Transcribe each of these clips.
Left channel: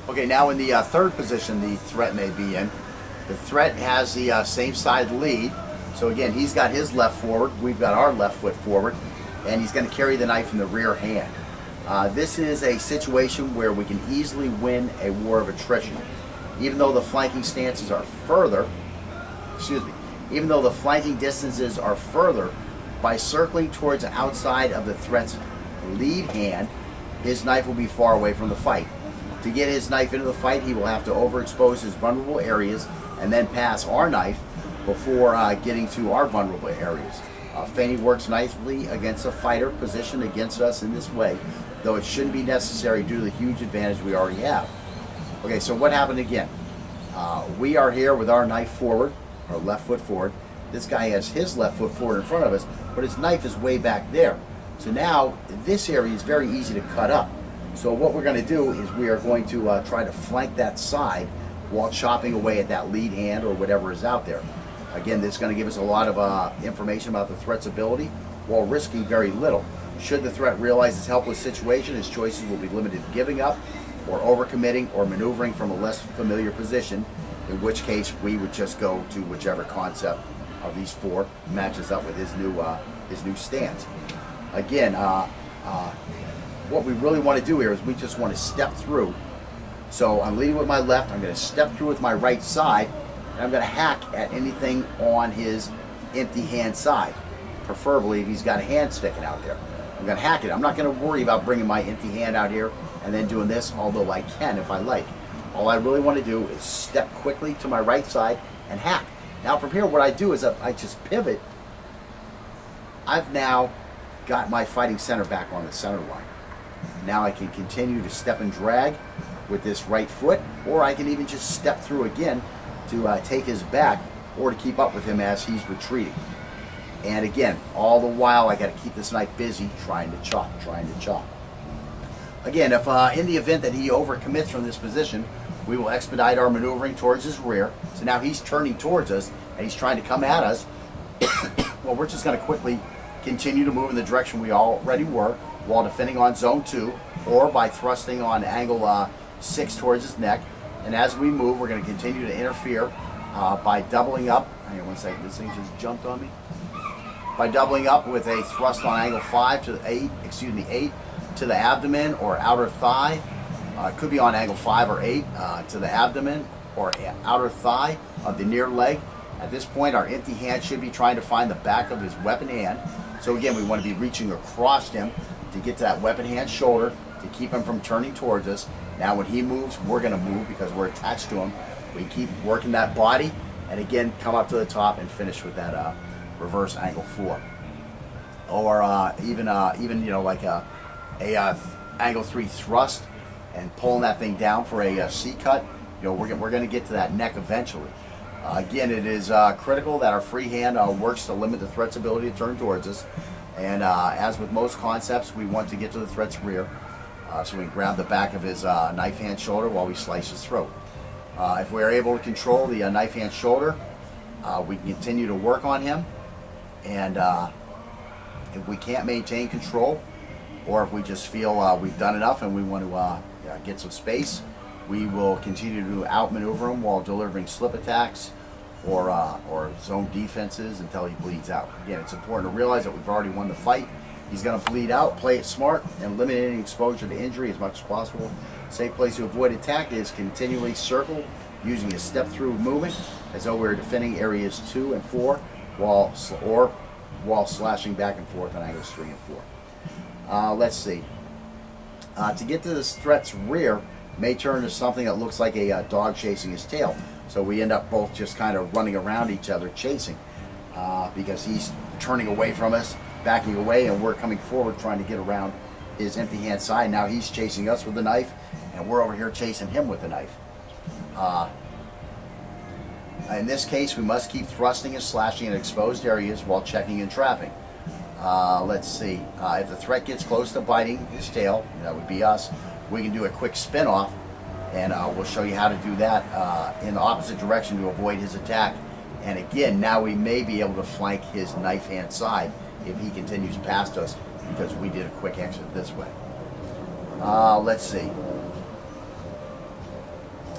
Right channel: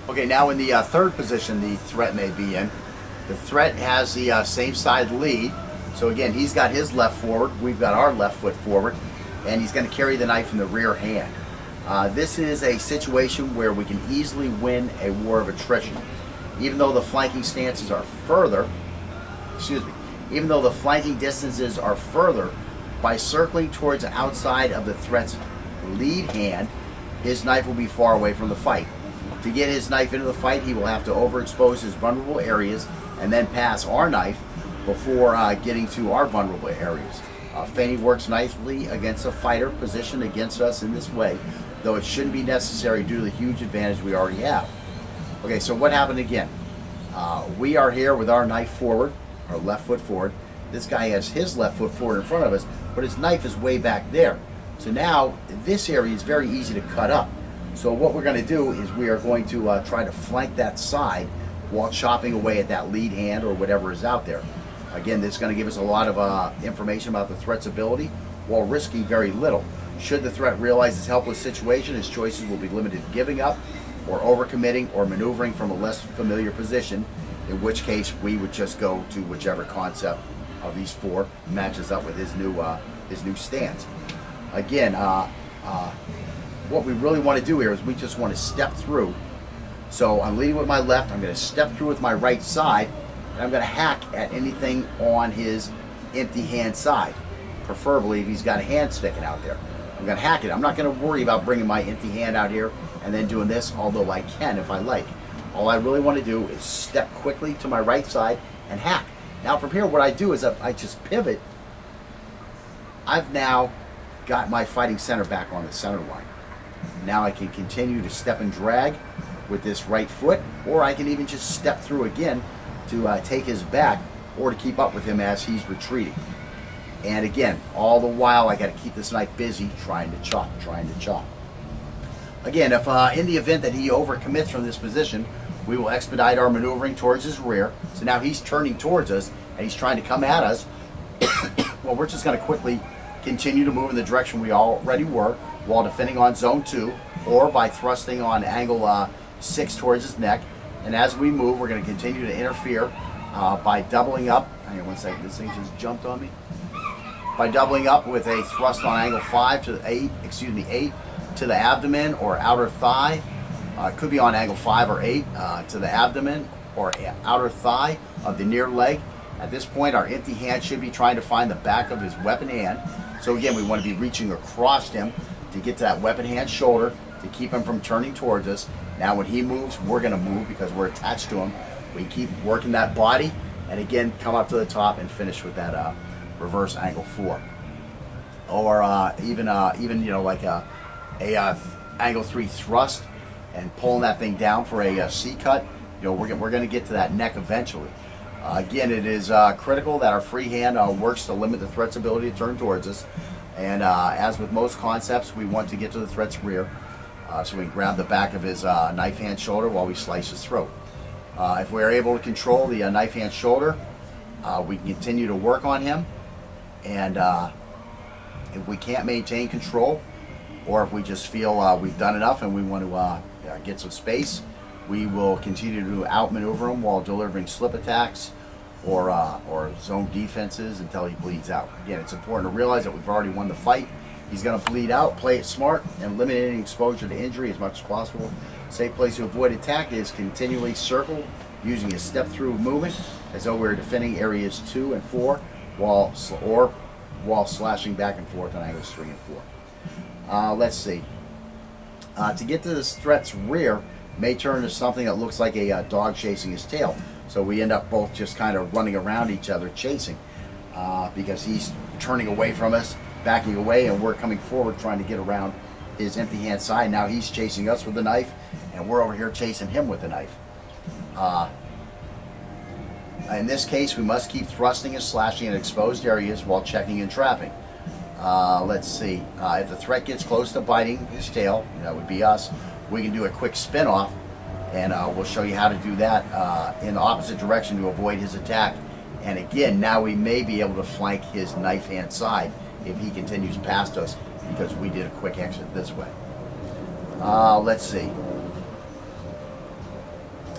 Okay, now in the third position the threat may be in. The threat has the same side lead. So again, he's got his left forward, we've got our left foot forward, and he's going to carry the knife in the rear hand. This is a situation where we can easily win a war of attrition. Even though the flanking stances are further, even though the flanking distances are further, by circling towards the outside of the threat's lead hand, his knife will be far away from the fight. To get his knife into the fight, he will have to overexpose his vulnerable areas and then pass our knife before getting to our vulnerable areas. Feigning works nicely against a fighter positioned against us in this way, though it shouldn't be necessary due to the huge advantage we already have. Okay, so what happened again? We are here with our knife forward, our left foot forward. This guy has his left foot forward in front of us, but his knife is way back there. So now this area is very easy to cut up. So what we're going to do is we are going to try to flank that side while chopping away at that lead hand or whatever is out there. Again, this is going to give us a lot of information about the threat's ability while risking very little. Should the threat realize his helpless situation, his choices will be limited to giving up or overcommitting or maneuvering from a less familiar position, in which case we would just go to whichever concept of these four matches up with his new stance. Again, what we really want to do here is we just want to step through. So I'm leading with my left, I'm going to step through with my right side, and I'm going to hack at anything on his empty hand side, preferably if he's got a hand sticking out there. I'm going to hack it. I'm not going to worry about bringing my empty hand out here and then doing this, although I can if I like. All I really want to do is step quickly to my right side and hack. Now from here, what I do is I just pivot. I've now got my fighting center back on the center line. Now I can continue to step and drag with this right foot, or I can even just step through again to take his back or to keep up with him as he's retreating. And again, all the while I got to keep this knife busy trying to chop. Again, if in the event that he overcommits from this position, we will expedite our maneuvering towards his rear. So now he's turning towards us and he's trying to come at us. Well, we're just going to quickly continue to move in the direction we already were while defending on zone 2, or by thrusting on angle 6 towards his neck. And as we move, we're going to continue to interfere by doubling up. Hang on one second, this thing just jumped on me. By doubling up with a thrust on angle 8 to the abdomen or outer thigh. It could be on angle 5 or 8 to the abdomen or outer thigh of the near leg. At this point, our empty hand should be trying to find the back of his weapon hand. So again, we want to be reaching across him to get to that weapon hand shoulder to keep him from turning towards us. Now when he moves, we're going to move because we're attached to him. We keep working that body and again come up to the top and finish with that reverse angle 4. Or even you know, like a angle 3 thrust and pulling that thing down for a C cut. You know, we're going to get to that neck eventually. Again, it is critical that our free hand works to limit the threat's ability to turn towards us. And as with most concepts, we want to get to the threat's rear. So we grab the back of his knife hand shoulder while we slice his throat. If we are able to control the knife hand shoulder, we can continue to work on him. And if we can't maintain control, or if we just feel we've done enough and we want to get some space, we will continue to outmaneuver him while delivering slip attacks or zone defenses until he bleeds out. Again, it's important to realize that we've already won the fight. He's going to bleed out. Play it smart and eliminating exposure to injury as much as possible. Safe place to avoid attack is continually circle using a step-through movement as though we're defending areas 2 and 4 while slashing back and forth on angles 3 and 4. Let's see. To get to this threat's rear may turn into something that looks like a dog chasing his tail. So we end up both just kind of running around each other chasing because he's turning away from us, backing away, and we're coming forward trying to get around his empty hand side. Now he's chasing us with the knife and we're over here chasing him with the knife. In this case, we must keep thrusting and slashing in exposed areas while checking and trapping. Let's see. If the threat gets close to biting his tail, that would be us, we can do a quick spin off, and we'll show you how to do that in the opposite direction to avoid his attack. And again, now we may be able to flank his knife hand side if he continues past us because we did a quick exit this way. Let's see.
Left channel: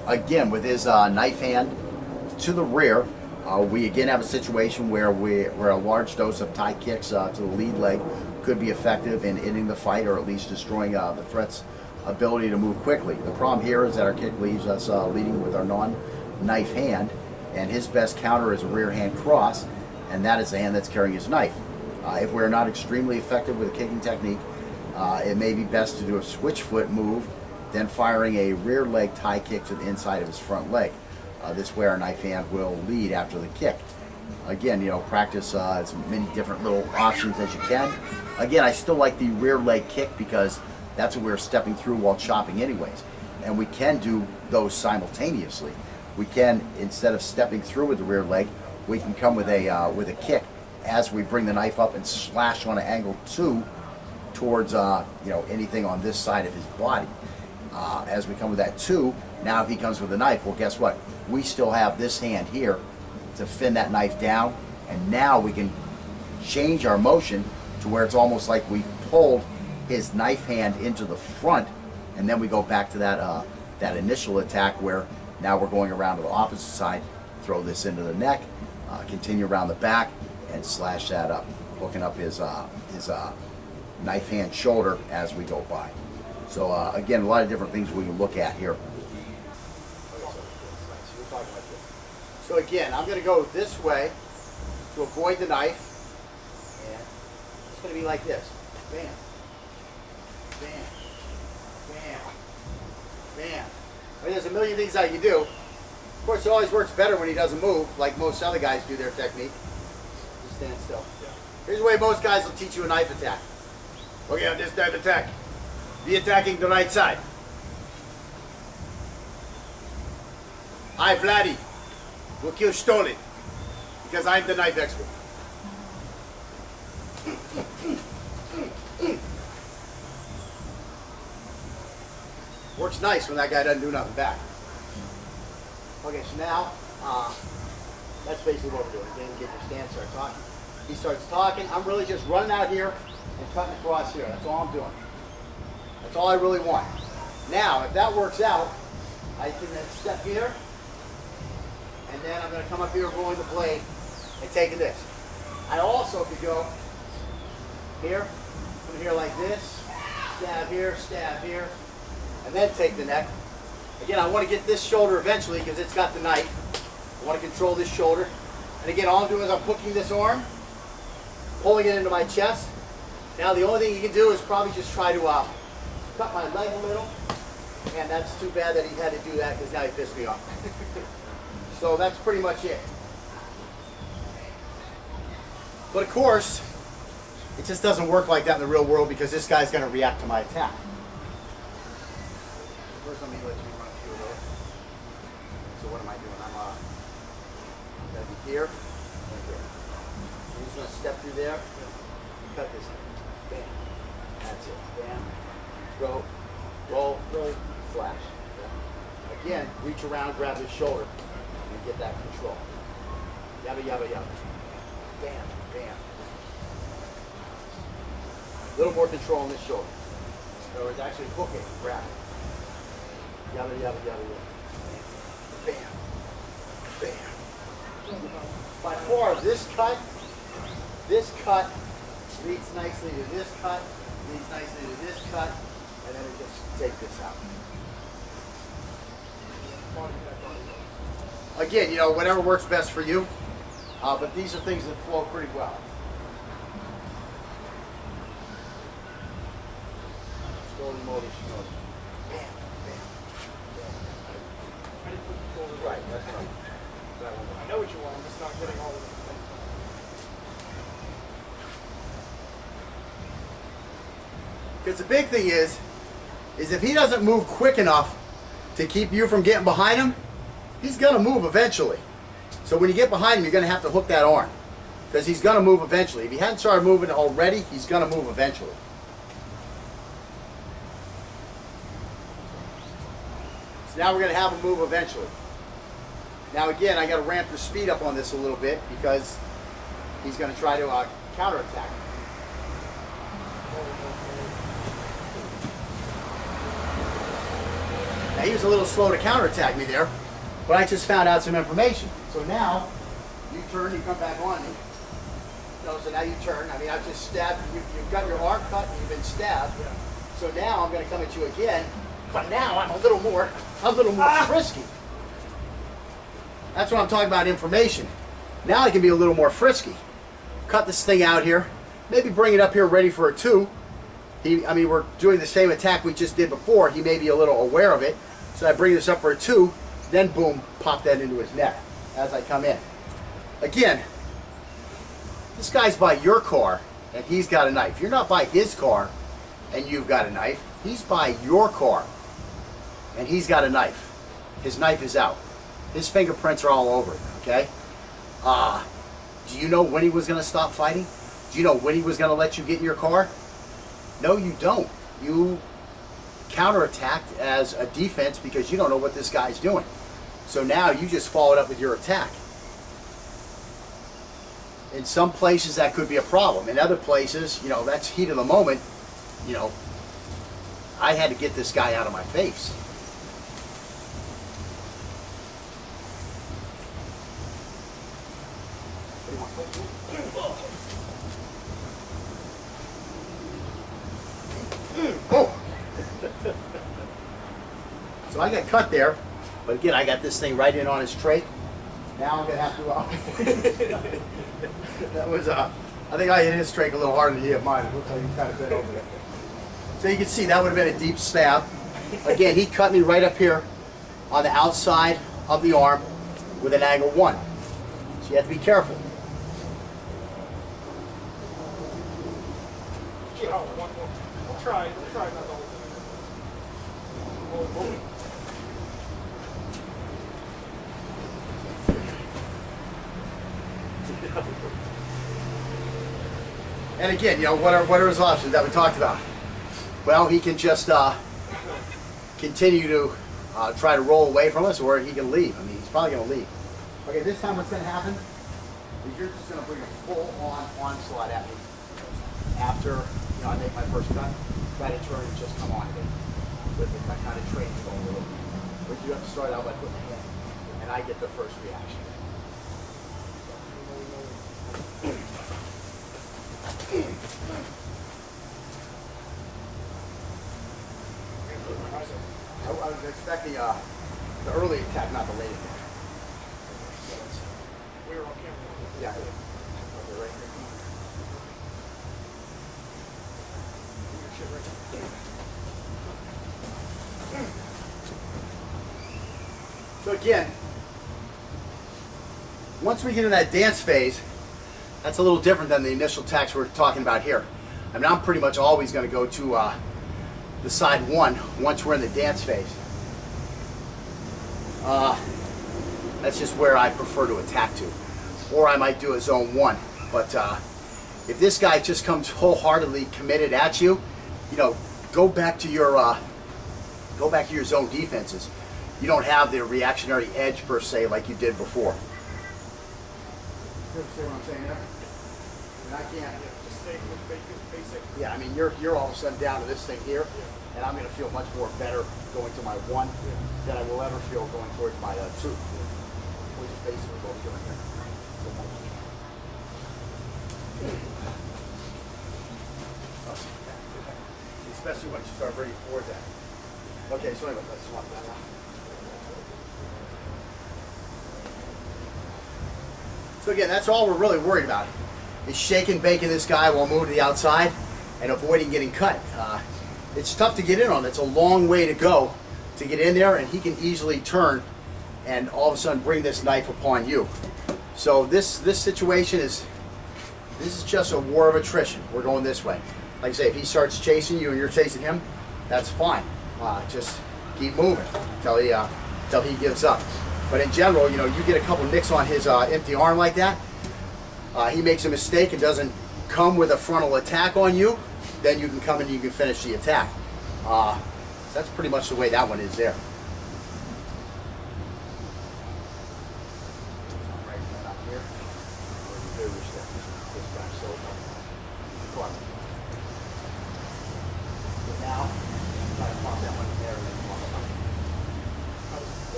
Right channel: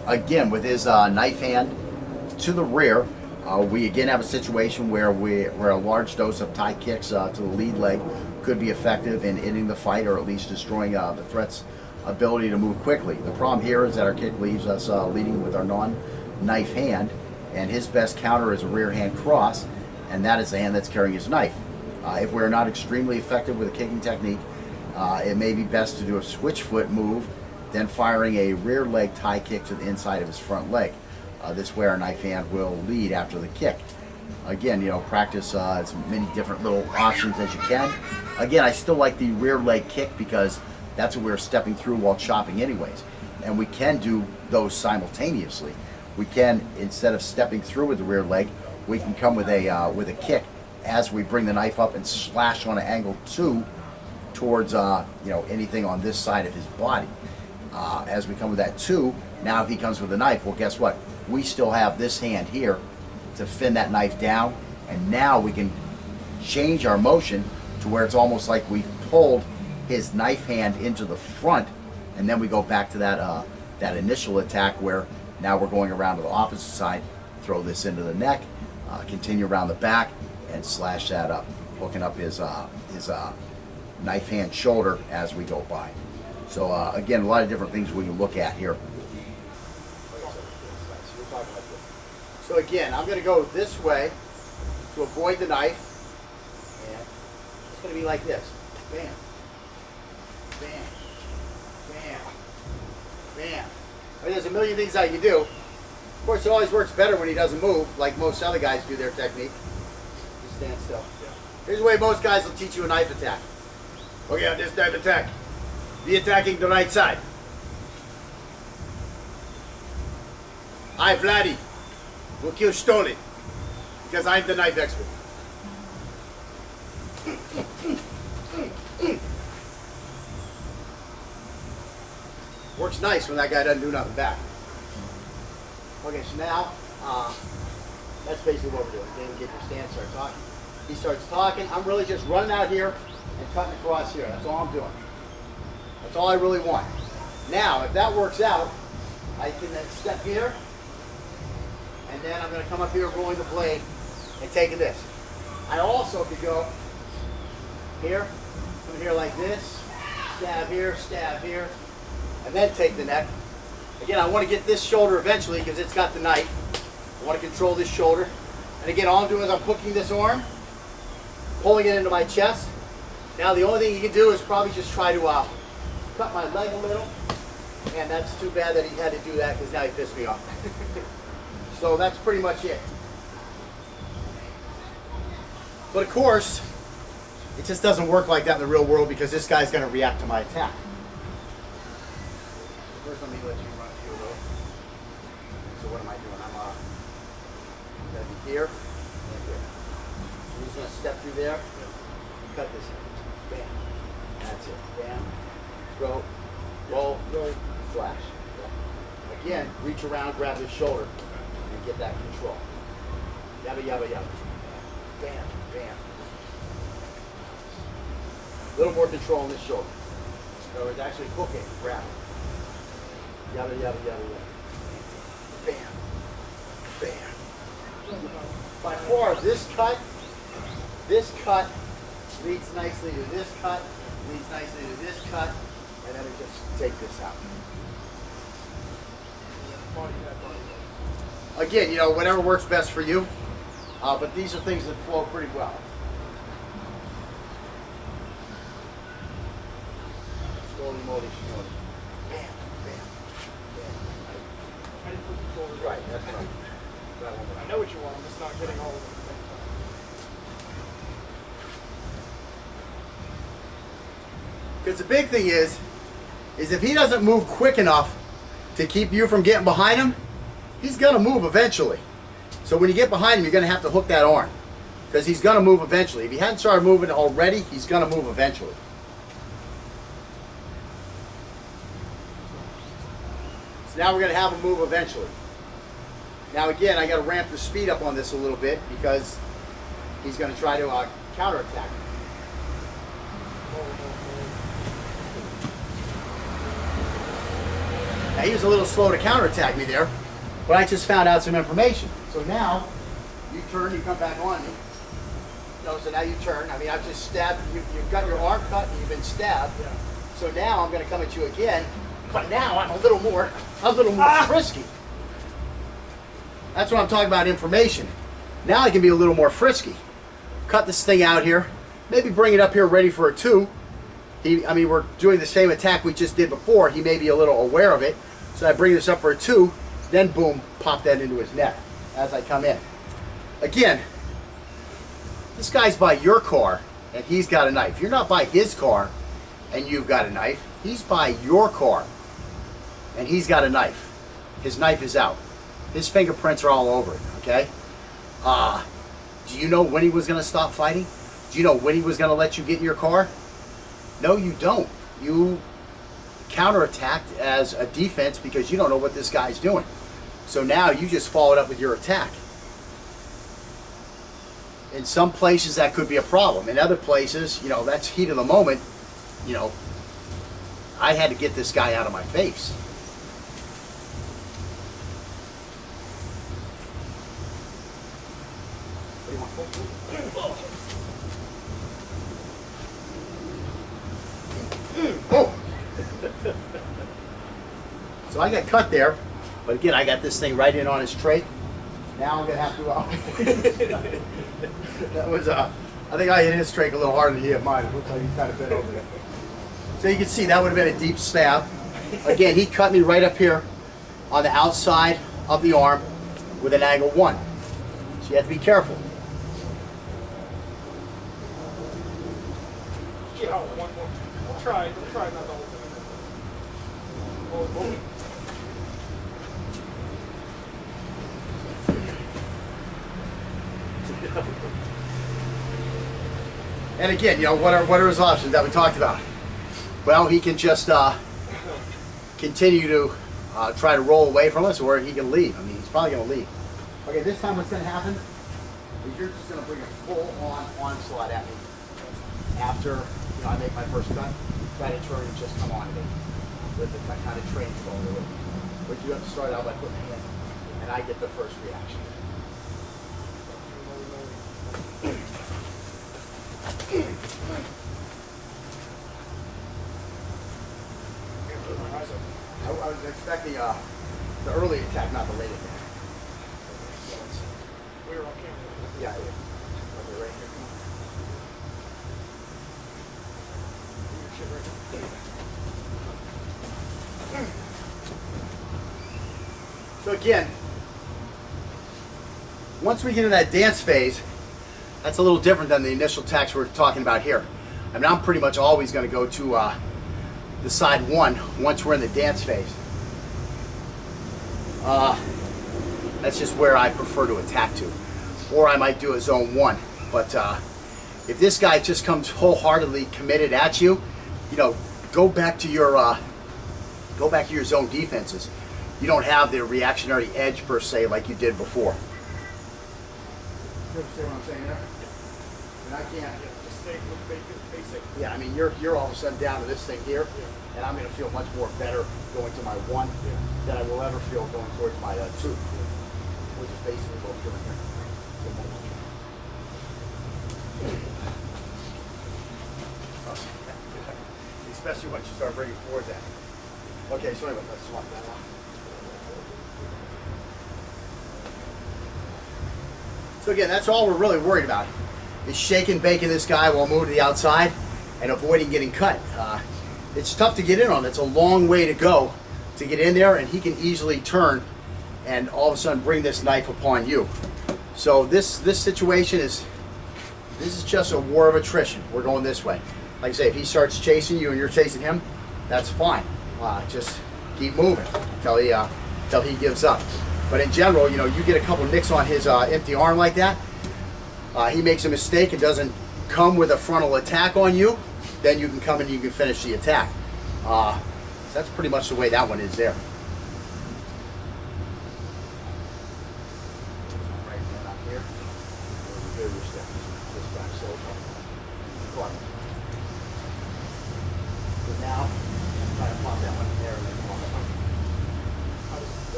again, with his knife hand to the rear, we again have a situation where a large dose of tie kicks to the lead leg could be effective in ending the fight, or at least destroying the threat's ability to move quickly. The problem here is that our kick leaves us leading with our non-knife hand, and his best counter is a rear hand cross, and that is the hand that's carrying his knife. If we're not extremely effective with a kicking technique, it may be best to do a switch foot move, then firing a rear leg tie kick to the inside of his front leg. This way our knife hand will lead after the kick. Again, you know, practice as many different little options as you can. Again, I still like the rear leg kick because that's what we're stepping through while chopping anyways. And we can do those simultaneously. We can, instead of stepping through with the rear leg, we can come with a kick as we bring the knife up and slash on an angle 2 towards you know, anything on this side of his body. As we come with that 2, now if he comes with a knife, well, guess what? We still have this hand here to fin that knife down, and now we can change our motion to where it's almost like we've pulled his knife hand into the front, and then we go back to that that initial attack where now we're going around to the opposite side, throw this into the neck, continue around the back, and slash that up, hooking up his knife hand shoulder as we go by. So again, a lot of different things we can look at here. So again, I'm going to go this way to avoid the knife, and it's going to be like this. Bam, bam, bam, bam. I mean, there's a million things I can do. Of course, it always works better when he doesn't move, like most other guys do their technique. Just stand still. Yeah. Here's the way most guys will teach you a knife attack. Okay, on this knife attack, be attacking the right side. I, Vladdy, will kill Stoli because I'm the knife expert. Works nice when that guy doesn't do nothing back. Okay, so now that's basically what we're doing. Then get your stance, start talking. He starts talking. I'm really just running out here and cutting across here. That's all I'm doing. That's all I really want. Now, if that works out, I can then step here, and then I'm going to come up here rolling the blade and taking this. I also could go here, come here like this, stab here, and then take the neck. Again, I want to get this shoulder eventually because it's got the knife. I want to control this shoulder. And again, all I'm doing is I'm hooking this arm, pulling it into my chest. Now the only thing you can do is probably just try to cut my leg a little. And that's too bad that he had to do that because now he pissed me off. So that's pretty much it. But of course, it just doesn't work like that in the real world because this guy's going to react to my attack. First, let me let you run a few of those. So what am I doing? I'm going to be here and here. I'm just going to step through there and cut this in. Bam. That's it. Bam. Throw. Roll. Flash. Again, reach around, grab his shoulder, and get that control. Yabba, yabba, yabba. Bam. Bam. A little more control on this shoulder. In other words, actually hooking, grab it. Yabba, yabba, yabba, yabba. Bam. Bam. By far, this cut leads nicely to this cut, leads nicely to this cut, and then we just take this out. Again, you know, whatever works best for you, but these are things that flow pretty well. Slowly, moly, slowly. Bam, bam, bam. I didn't put the shoulder Right, that's right. I know what you want, I'm just not getting all of it at the same time. Because the big thing is if he doesn't move quick enough to keep you from getting behind him, he's going to move eventually. So when you get behind him, you're going to have to hook that arm. Because he's going to move eventually. If he hadn't started moving already, he's going to move eventually. So now we're going to have him move eventually. Now again, I got to ramp the speed up on this a little bit because he's going to try to counterattack. Now, he was a little slow to counterattack me there, but I just found out some information. So now, you turn, you come back on me. No, so now you turn. I mean, I've just stabbed, you've got your arm cut and you've been stabbed. Yeah. So now I'm going to come at you again, but now I'm a little more frisky. That's what I'm talking about, information. Now I can be a little more frisky. Cut this thing out here, maybe bring it up here ready for a 2. I mean, we're doing the same attack we just did before. He may be a little aware of it. So I bring this up for a 2, then boom, pop that into his neck as I come in. Again, this guy's by your car and he's got a knife. You're not by his car and you've got a knife. He's by your car and he's got a knife. His knife is out. His fingerprints are all over it, okay? Do you know when he was going to stop fighting? Do you know when he was going to let you get in your car? No, you don't. You counterattacked as a defense because you don't know what this guy's doing. So now you just followed up with your attack. In some places that could be a problem. In other places, you know, that's heat of the moment. You know, I had to get this guy out of my face. Oh. So I got cut there, but again, I got this thing right in on his trach. Now I'm gonna have to. That was I think I hit his trach a little harder than he hit mine. It looks like he kind of bent over there. So you can see that would have been a deep stab. Again, he cut me right up here on the outside of the arm with an angle 1. So you have to be careful. Yeah, one more. We'll try not the whole thing. And again, you know, what are his options that we talked about? Well, he can just continue to try to roll away from us, or he can leave. I mean, he's probably going to leave. Okay, this time what's going to happen is you're just going to bring a full-on onslaught at me. After, you know, I make my first cut, try to turn and just come on to me with the kind of train going a little. But you have to start out by putting it in, and I get the first reaction. I was expecting the early attack, not the late attack. We were on camera. Yeah. Okay, right here. Your shit right now. So again, once we get in that dance phase, that's a little different than the initial attacks we're talking about here. I mean, I'm pretty much always going to go to the side 1 once we're in the dance phase. That's just where I prefer to attack to. Or I might do a zone 1. But if this guy just comes wholeheartedly committed at you, you know, go back to your zone defenses. You don't have the reactionary edge per se like you did before. You understand what I'm saying there? And I can't. Just stay with basic. Yeah, I mean, you're all of a sudden down to this thing here, and I'm going to feel much more better going to my 1 than I will ever feel going towards my 2, which is basically what we're doing here. Especially once you start bringing forwards at it. Okay, so anyway, let's swap that out. So again, that's all we're really worried about, is shaking, baking this guy while moving to the outside and avoiding getting cut. It's tough to get in on. It's a long way to go to get in there, and he can easily turn and all of a sudden bring this knife upon you. So this situation is just a war of attrition. We're going this way. Like I say, if he starts chasing you and you're chasing him, that's fine. Just keep moving until he gives up. But in general, you know, you get a couple nicks on his empty arm like that, he makes a mistake and doesn't come with a frontal attack on you, then you can come and you can finish the attack. So that's pretty much the way that one is there. Right then up here, where the bigger step, this back so caught. So now, try to pop that one in there and then pop it up.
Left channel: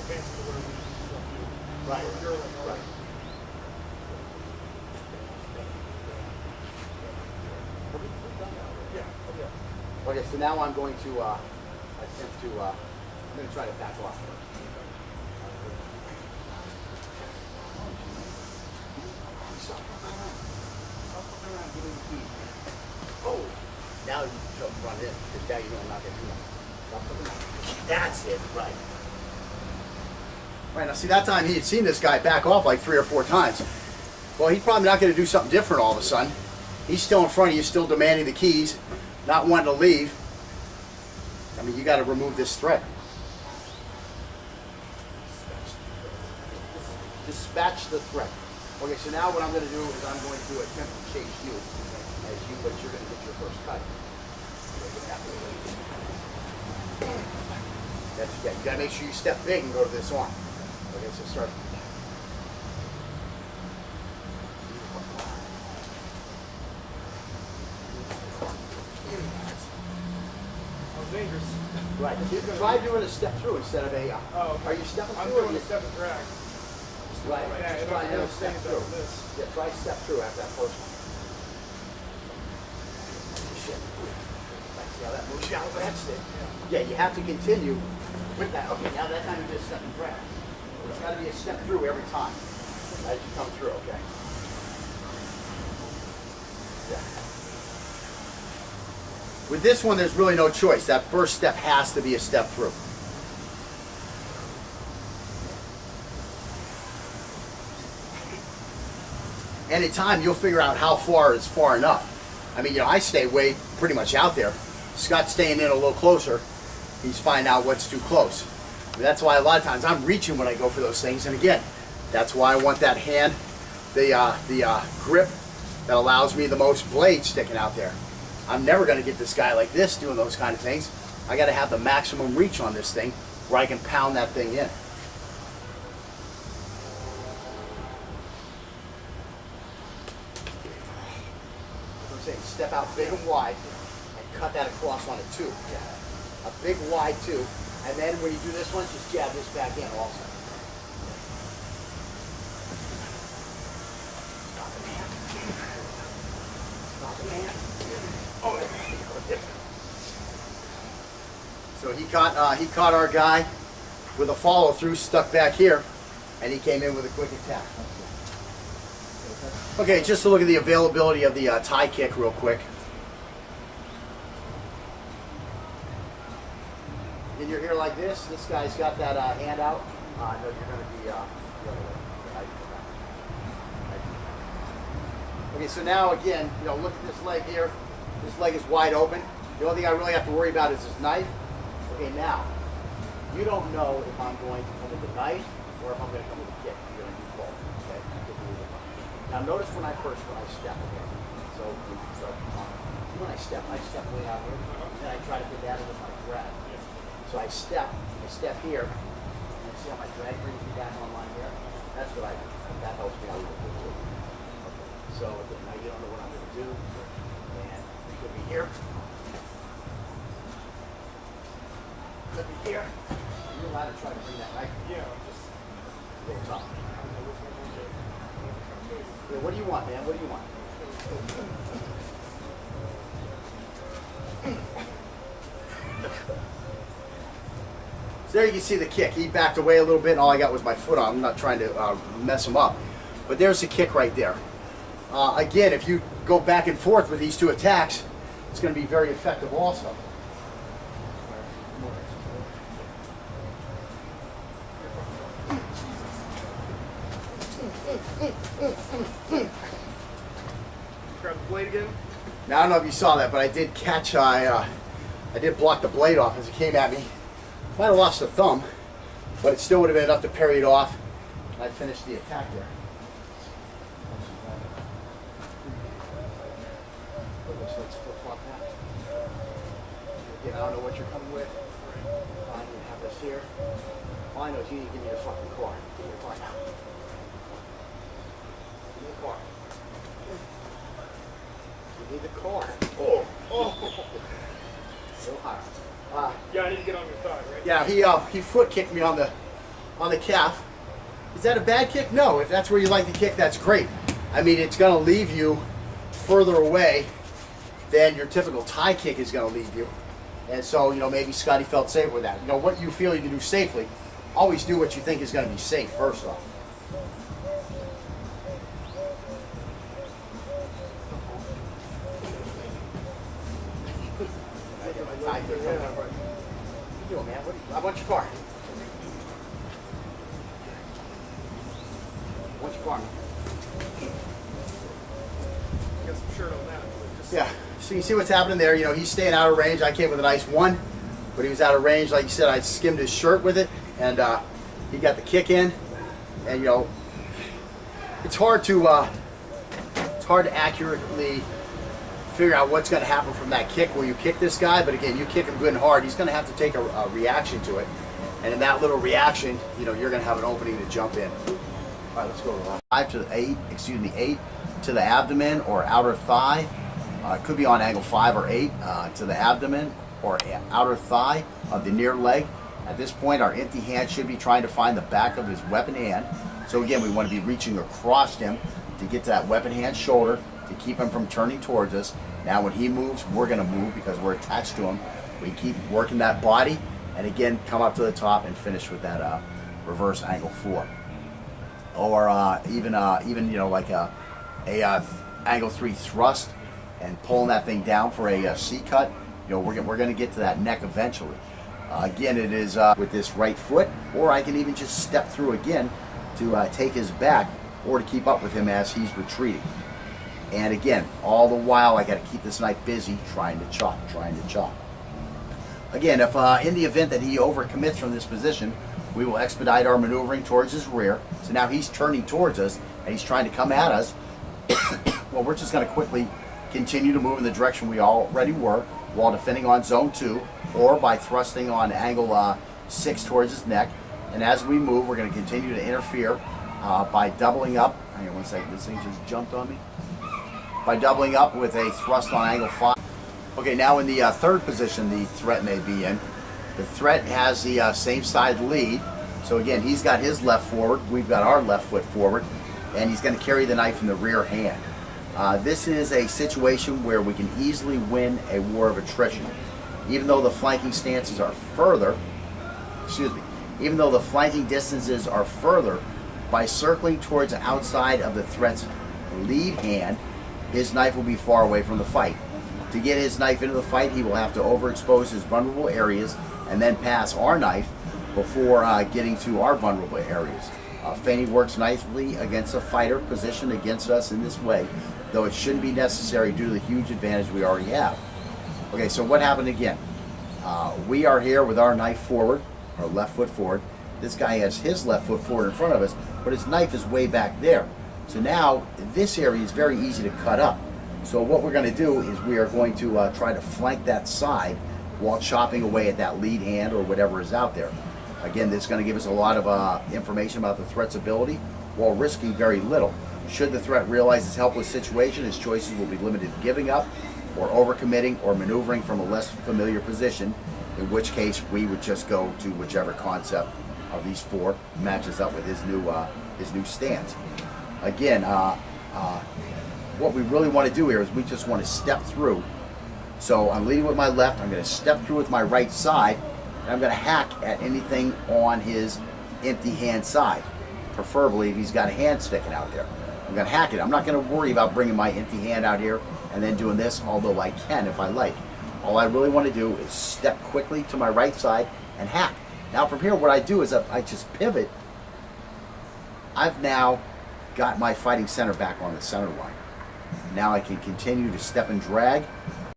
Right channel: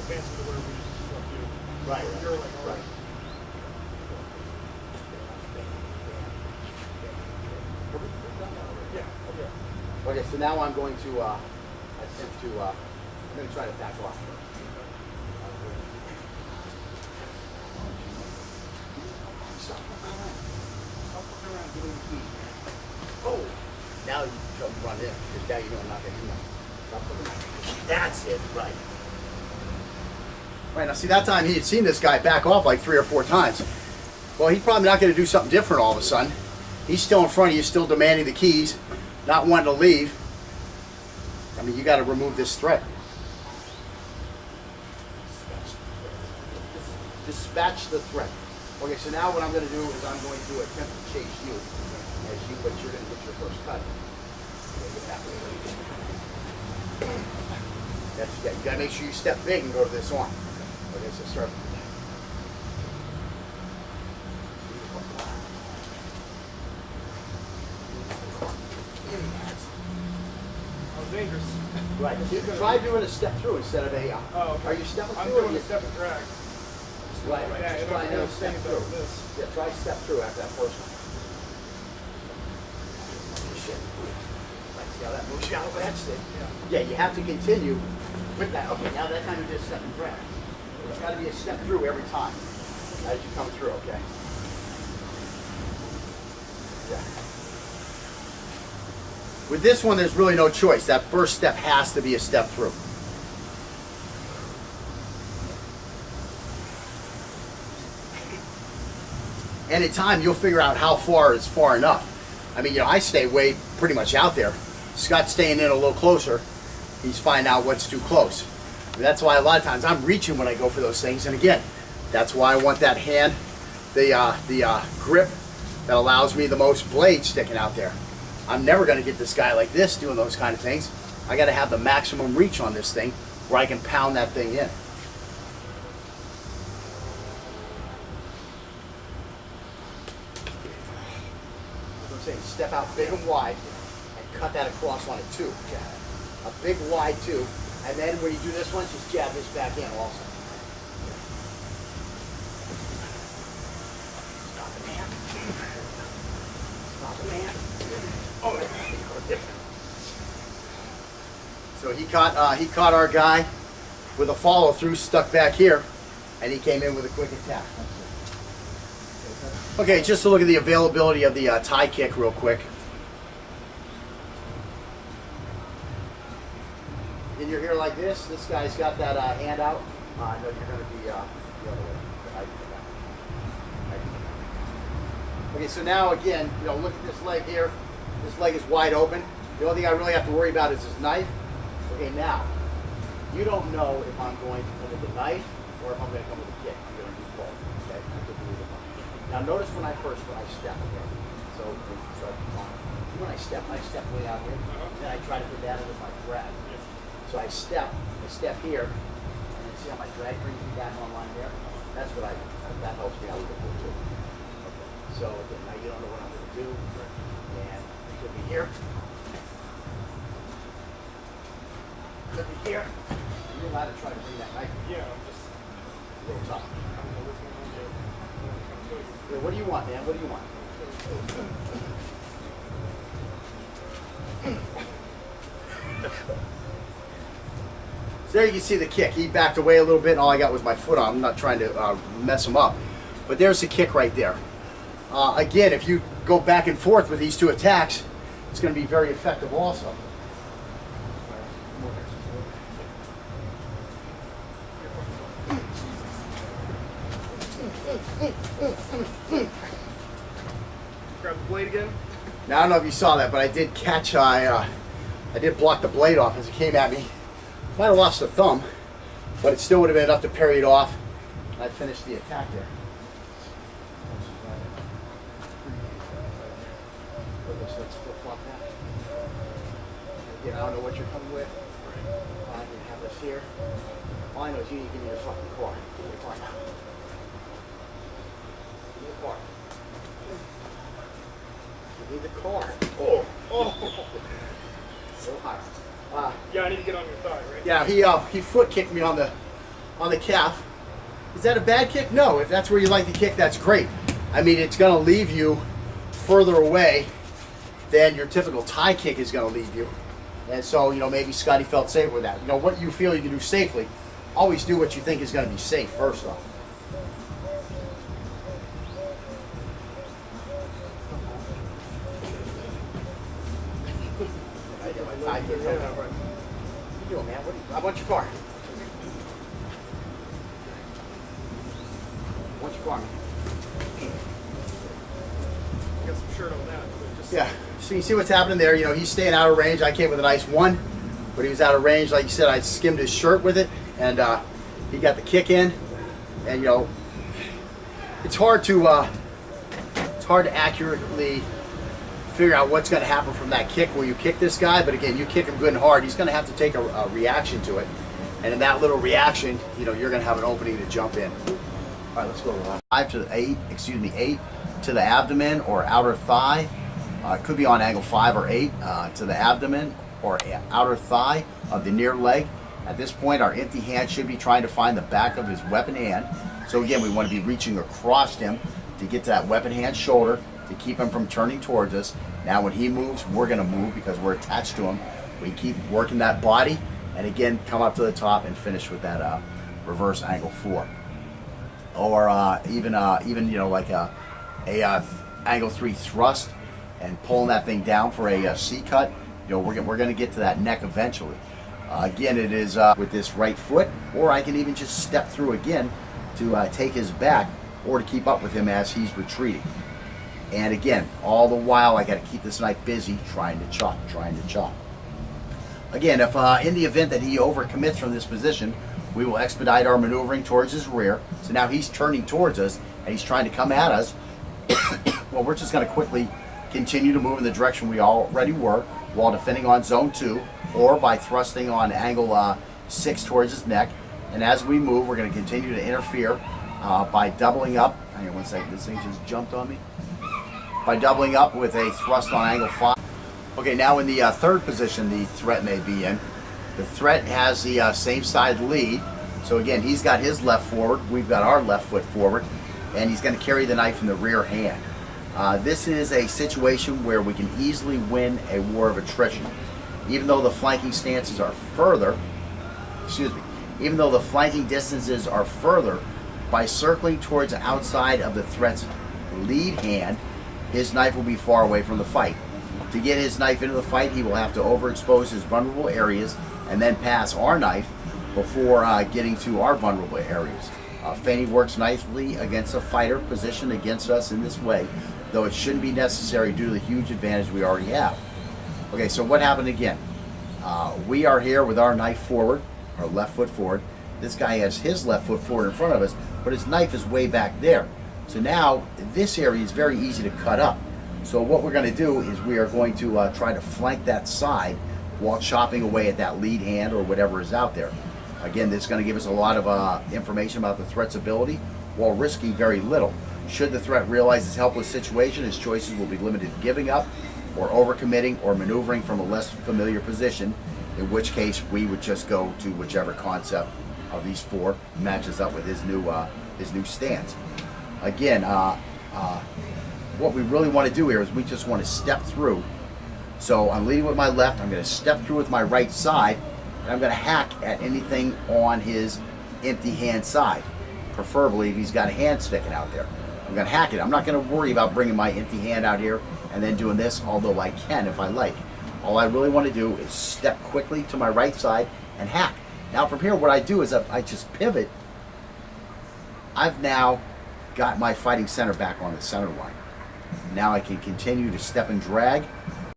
advancing to where we want you. Right. Where you're like, all right. Yeah. Oh, yeah. Okay, so now I'm going to attempt to, I'm going to try to back off first. Stop fucking around. Stop fucking around, give me the keys, man. Oh! Now you can run in, because now you know I'm not going to do that. Stop fucking around. That's it, right. Right, now see that time he had seen this guy back off like 3 or 4 times. Well, he's probably not going to do something different all of a sudden. He's still in front of you, still demanding the keys, not wanting to leave. I mean, you got to remove this threat. Dispatch the threat. Okay, so now what I'm going to do is I'm going to attempt to chase you, but you're going to get your first cut. That's, yeah, you got to make sure you step big and go to this arm. Okay, so start. Dangerous. Right. You can try doing a step through instead of a. Oh, okay. Are you stepping I'm through? doing a step and drag. Right. Yeah, Just try doing a step through. This. Yeah, try step through after that first one. Shit. Right, see how that moves you out of that stick? Yeah, you have to continue with that. Okay, now that time you did step and drag. It's got to be a step through every time as you come through. Okay. Yeah. With this one, there's really no choice. That first step has to be a step through. Anytime you'll figure out how far is far enough. I mean, you know, I stay way pretty much out there. Scott's staying in a little closer. He's finding out what's too close. I mean, that's why a lot of times I'm reaching when I go for those things. And again, that's why I want that hand, the grip that allows me the most blade sticking out there. I'm never going to get this guy like this doing those kind of things. I got to have the maximum reach on this thing where I can pound that thing in. I'm saying step out big and wide and cut that across on a 2. Yeah. A big wide 2. And then when you do this one, just jab this back in also. Stop it, man. Stop it, man. Oh, so he caught our guy with a follow through stuck back here, and he came in with a quick attack. Okay, just to look at the availability of the tie kick real quick. And you're here like this. This guy's got that hand out. I know you're going to be the other way. Okay, so now again, you know, look at this leg here. This leg is wide open. The only thing I really have to worry about is his knife. Okay, now, you don't know if I'm going to come with the knife or if I'm going to come with a kick. I'm going to do both. Okay? I could do either one. Now, notice when I step. Okay? So when I step way out here, and then I try to put that in with my drag. So I step here, and then see how my drag brings me back online here? That's what I do. That helps me out a little bit too. Okay. So again, now you don't know what I'm going to do. And it could be here. Could be here. And you're allowed to try to bring that knife. Yeah, I'm just A little tough. I don't know which one to do. Yeah, what do you want, man? What do you want? So there you can see the kick. He backed away a little bit, and all I got was my foot on. I'm not trying to mess him up. But there's the kick right there. Again, if you go back and forth with these 2 attacks, it's going to be very effective also. Grab the blade again. Now, I don't know if you saw that, but I did catch, I did block the blade off as it came at me. Might have lost the thumb, but it still would have been enough to parry it off. And I finished the attack there. Let's flip-flop that. Again, I don't know what you're coming with. I can have this here. All I know is you need to give me your fucking car. Give me your car now. Give me the car. Give me the car. Oh, oh. So high. Yeah, I need to get on your thigh, right? Yeah, he foot kicked me on the on the calf. Is that a bad kick? No. If that's where you like to kick, that's great. I mean, it's going to leave you further away than your typical tie kick is going to leave you. And so, maybe Scotty felt safe with that. What you feel you can do safely, always do what you think is going to be safe first off. What are you doing, man? I want your car. What's your car? Got some shirt on that. Yeah. So you see what's happening there. He's staying out of range. I came with a nice one, but he was out of range. Like you said, I skimmed his shirt with it, and he got the kick in. And it's hard to accurately figure out what's going to happen from that kick where you kick this guy. But again, you kick him good and hard, he's going to have to take a reaction to it. And in that little reaction, you're going to have an opening to jump in. All right, let's go. 8 to the abdomen or outer thigh. It could be on angle 5 or 8 to the abdomen or outer thigh of the near leg. At this point, our empty hand should be trying to find the back of his weapon hand. So again, we want to be reaching across him to get to that weapon hand shoulder to keep him from turning towards us. Now when he moves, we're going to move because we're attached to him. We keep working that body and again, come up to the top and finish with that reverse angle 4. Or even like a angle 3 thrust and pulling that thing down for a C cut. We're going to get to that neck eventually. Again, it is with this right foot, or I can even just step through again to take his back or to keep up with him as he's retreating. And again, all the while I got to keep this knife busy trying to chop. Again, if in the event that he overcommits from this position, we will expedite our maneuvering towards his rear. So now he's turning towards us and he's trying to come at us. Well, we're just going to quickly continue to move in the direction we already were while defending on zone 2 or by thrusting on angle 6 towards his neck. And as we move, we're going to continue to interfere by doubling up. Hang on one second, this thing just jumped on me. By doubling up with a thrust on angle 5. Okay, now in the third position the threat may be in. The threat has the same side lead. So again, he's got his left forward, we've got our left foot forward, and he's going to carry the knife in the rear hand. This is a situation where we can easily win a war of attrition. Even though the flanking stances are further, even though the flanking distances are further, by circling towards the outside of the threat's lead hand, his knife will be far away from the fight. To get his knife into the fight, he will have to overexpose his vulnerable areas and then pass our knife before getting to our vulnerable areas. Feigning works nicely against a fighter positioned against us in this way, though it shouldn't be necessary due to the huge advantage we already have. Okay, so what happened again? We are here with our knife forward, our left foot forward. This guy has his left foot forward in front of us, but his knife is way back there. So now this area is very easy to cut up. So what we're going to do is we are going to try to flank that side while chopping away at that lead hand or whatever is out there. Again, this is going to give us a lot of information about the threat's ability while risking very little. Should the threat realize his helpless situation, his choices will be limited to giving up or overcommitting or maneuvering from a less familiar position, in which case we would just go to whichever concept of these 4 matches up with his new stance. Again, what we really want to do here is we just want to step through. So I'm leading with my left, I'm going to step through with my right side, and I'm going to hack at anything on his empty hand side, preferably if he's got a hand sticking out there. I'm going to hack it. I'm not going to worry about bringing my empty hand out here and then doing this, although I can if I like. All I really want to do is step quickly to my right side and hack. Now from here, what I do is I just pivot. I've now got my fighting center back on the center line. Now I can continue to step and drag